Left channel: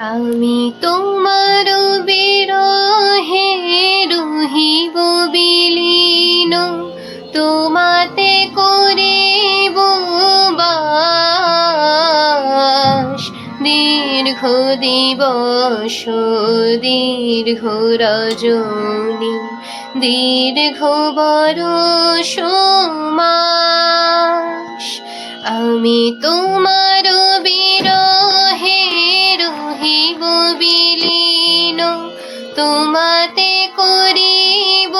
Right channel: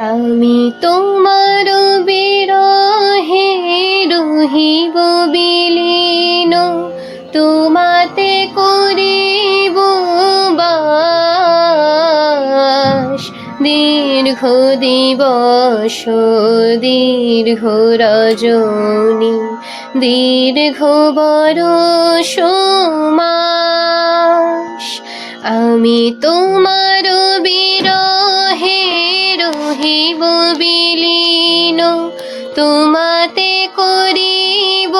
আমি তোমার বিরহে রহিব বিলীন, তোমাতে করিব বাস। দীর্ঘ দিবস দীর্ঘ রজনী, দীর্ঘ বরষ মাস। আমি তোমার বিরহে রহিব বিলীন, তোমাতে করিব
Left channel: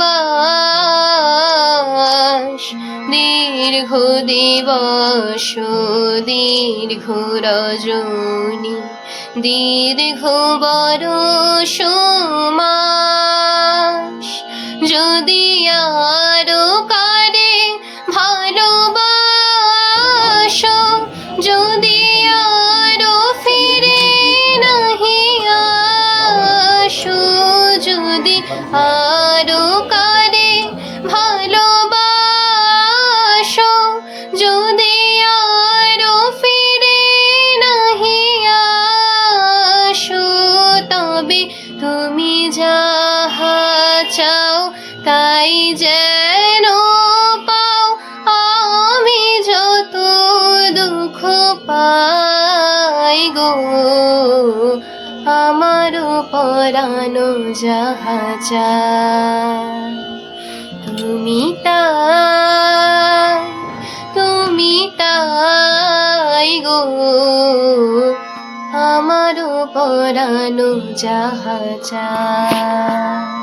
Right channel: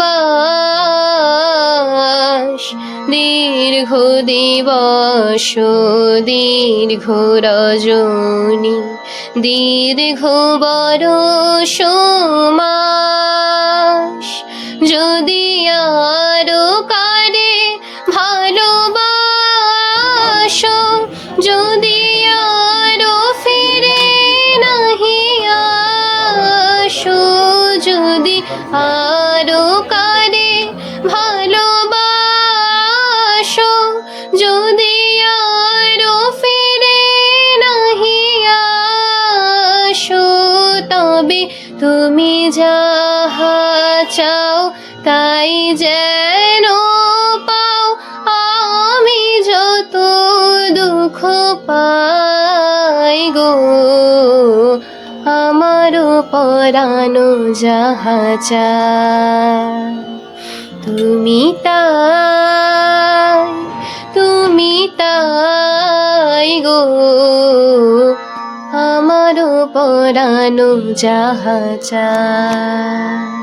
বাস। দীর্ঘ দিবস দীর্ঘ রজনী, দীর্ঘ বরষ মাস। যদি আরো কারে ভালোবাসো, যদি আরো ফিরে নাহি আসো, যদি আরো কারে ভালোবাসো, যদি আরো ফিরে নাহি আসো, তবে তুমি যাহা চাও তাই যেন পাও। আমি যত দুঃখ পাই গো, আমারও পরানো যাহা চায়, তুমি তাই, তুমি তাই গো, আমারও পরানো যাহা চায়।